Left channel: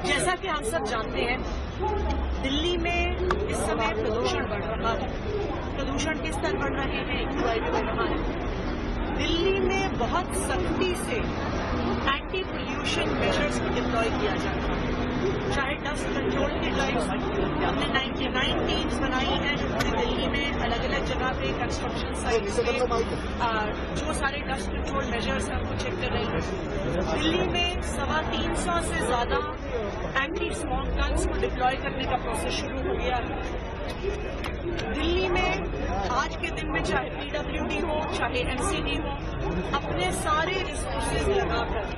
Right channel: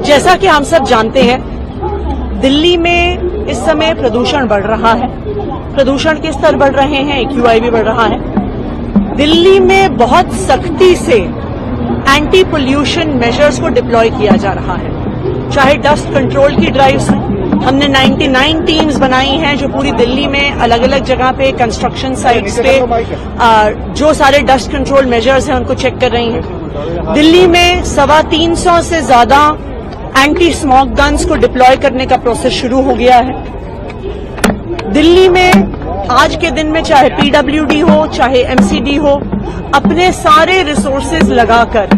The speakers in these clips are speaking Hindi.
जैसा कि हम सब जानते हैं, दिल्ली में इस समय प्रदूषण बढ़ रहा है, प्रदूषण के स्तर बढ़ रहे हैं, AQI भी बढ़ रहा है। दिल्ली में बहुत सख्ती से एंटी पोल्यूशन मेजर्स को डिप्लॉय किया जा रहा है, चाहे डस्ट कंट्रोल की ड्राइव्स हैं। हमने 99 टीम्स बनाई हैं जो पूरी दिल्ली में अलग अलग जगह पे कंस्ट्रक्शन साइट्स पे जो सारे डस्ट कंट्रोल मेजर्स हैं उनको चेक कर रही हैं। दिल्ली में 325 से ज्यादा एंटी स्मोक गन्स को डिप्लॉय करने का प्रोसेस शुरू हो गया है। दिल्ली में आज के दिन में चाहे PWD हो चाहे MCD हो, अपने सारे रिसोर्सेज लगाकर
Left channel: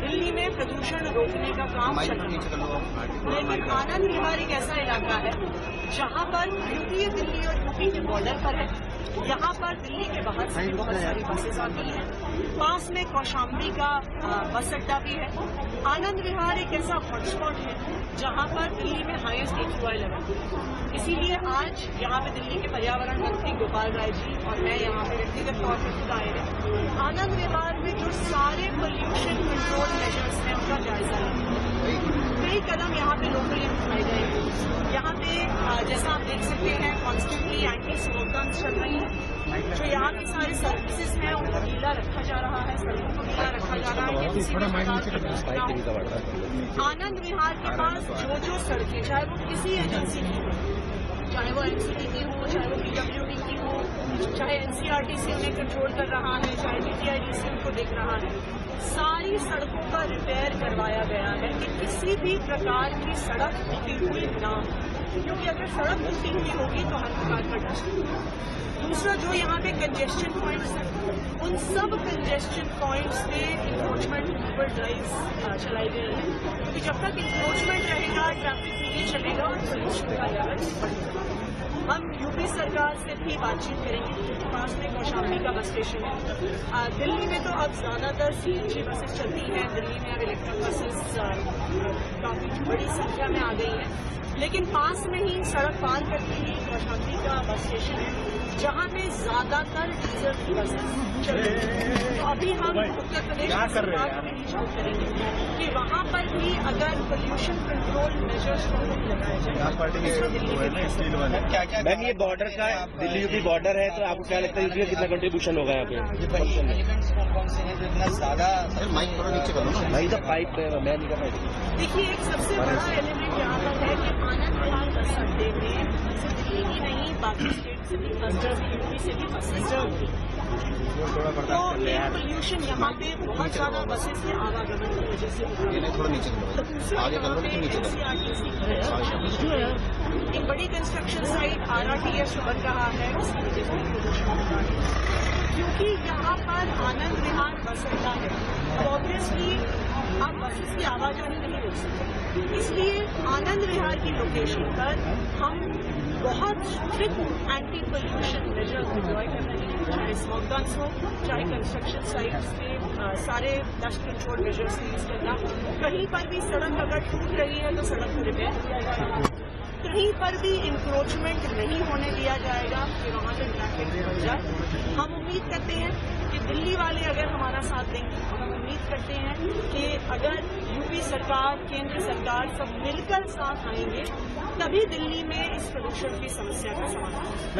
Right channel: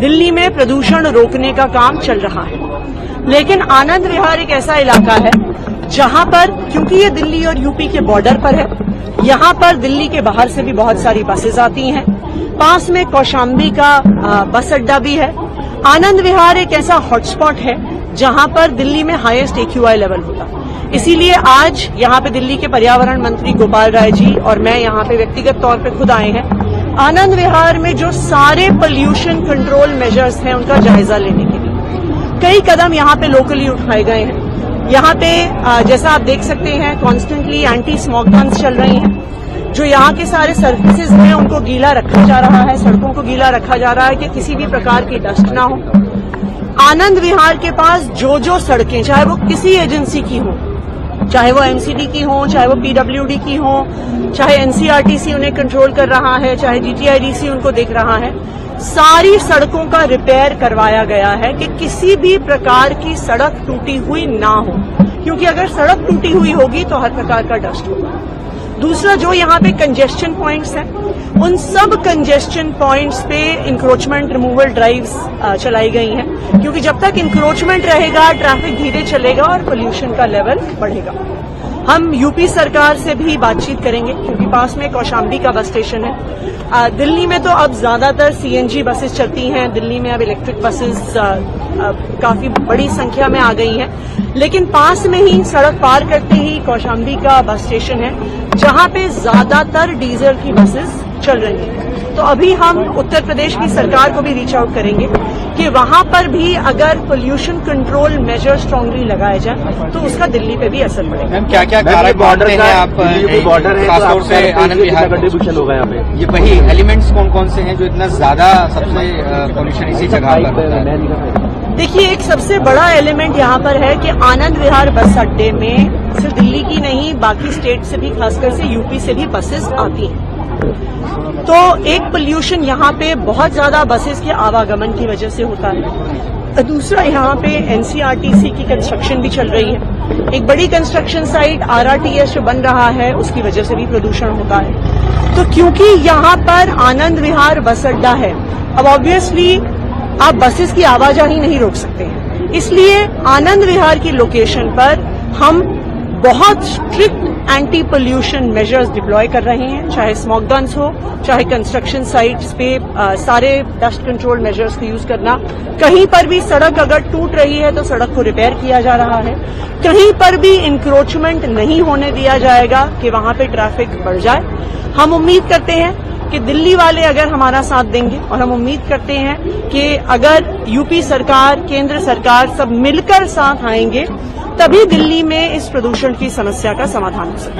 दिल्ली में प्रदूषण रोकने का काम चल रहा है। लेकिन आनंद विहार एक ऐसा इलाका है जहां पर, क्योंकि ये दिल्ली और यूपी के बॉर्डर पर है, यहां पर दिल्ली के बाहर से भी बहुत सारी बसेज आती हैं। पास में कौशाम्बी का बस अड्डा भी है। आनंद विहार एक ऐसा हॉटस्पॉट है जहां पर दिल्ली में हाईएस्ट AQI लेवल होता है। इसीलिए आज यहां पे दिल्ली के पर्यावरण मंत्री गोपाल राय जी और मैं यहां पे व्यक्तिगत तौर पे खुद आए हैं आनंद विहार में जो सारे पोल्यूशन कंट्रोल मेजर्स हैं उनका जायजा लेने के लिए। कई कदम यहां पे लोकली उठाए गए हैं। यहां पे जैसा आप देख सकते हैं कॉन्स्टेंटली एंटी स्मोक गन्स चल रही हैं। जो यहां के सारे सर्विसेज हैं उनको गीला रखा जा रहा है, सड़कों को गीला रखा जा रहा है कि किसी भी प्रकार की डस्ट ना हो। आनंद विहार के पास जो सड़कें, चाहे वो किसी एजेंसी की हो, चाहे वो MCD की हो, चाहे वो PWD की हो, चाहे NCRTC उन्हें कंट्रोल कर रहा है, चाहे GTIDC उनको देख रहा है, सारी सड़कों का रिपेयर करवाया गया है कि किसी भी प्रकार की सड़क टूटी हुई ना हो, क्योंकि अगर सड़क टूटी हुई होगी तो हर प्रकार का डस्ट होगा। दूसरा, जो यहाँ पे कंजेस्शन पॉइंट्स हैं, उन सब कंजेस्शन पॉइंट्स पे इंक्रोचमेंट रिमूवल ड्राइव्स चलाई गई हैं, क्योंकि जब तक इंक्रोचमेंट रहेगा ट्रैफिक धीरे चलेगा और पोल्यूशन का लेवल बढ़ेगा। हम यूपी सरकार से भी बातचीत करेंगे क्योंकि पास में कौशाम्बी का बस स्टेशन है। दिल्ली में तो अब ज्यादातर CNG बसेस चलती हैं, दिल्ली में अब इलेक्ट्रिक बसेस काफी बड़ी संख्या में आ गई हैं, लेकिन पास में ही सड़क पार करते ही कौशाम्बी का बस स्टेशन है जहां पे ज्यादातर डीजल की बसेस चल रही हैं। तो अभी हम उत्तर प्रदेश की सरकार को भी रीच आउट करेंगे कि वहां पर भी अगर पोल्यूशन कंट्रोल मेजर स्ट्रांगली लगाए जाए तो उसका दिल्ली पे भी असर पड़ेगा। क्या क्या कारक बॉर्डर है, आप बॉर्डर है, खासतौर से आनंद विहार कंट्रीब्यूशन होगा यहाँ पे, ये वही एलिमेंट्स कौन कौन से हैं जो इतना ज्यादा सबसे पोल्यूशन इसी जगह पर होता है? देखिए, एक सबसे बड़ा एलिमेंट यहाँ पर है कि आनंद विहार बस अड्डे में सिर्फ दिल्ली की नहीं बाकी स्टेट से भी, खासकर से यूपी से भी बसेस आती हैं। तो एक पोल्यूशन यहाँ पे बहुत ज्यादा बसेस के आवागमन की वजह से होता है। दूसरा, यहाँ पे NCRTC की कंस्ट्रक्शन भी चल रही है। एक बड़ी कंस्ट्रक्शन साइट RRTS जो बन रहा है उसकी वजह से भी प्रदूषण होता है। तो क्योंकि यहाँ पर आनंद विहार बस अड्डा है, अब ऑब्वियसली आप बसेस की आवाजाही नहीं रोक सकते हैं, इसलिए आनंद विहार की लोकेशन पर हम बहुत strict anti pollution measures deploy कर रहे हैं, चाहे स्मोक गन्स हो, चाहे कंस्ट्रक्शन साइट्स पे सारे डस्ट कंट्रोल मेजर्स का यूज करना। कहीं पर भी सड़क अगर टूट रही है तो सड़क को रिपेयर किया जा रहा है। कहीं पर भी इंक्रोचमेंट नहीं होने दिया जाएगा कि वहां पे ट्रैफिक बढ़ जाए। हम उम्मीद करते हैं कि दिल्ली वाले अगर हमारा साथ देंगे, और हम उम्मीद करते हैं कि अगर यूपी सरकार, केंद्र सरकार सब मिलकर साथ आएंगे, तभी दिल्ली में इस प्रदूषण की समस्या का समाधान हो सकता है।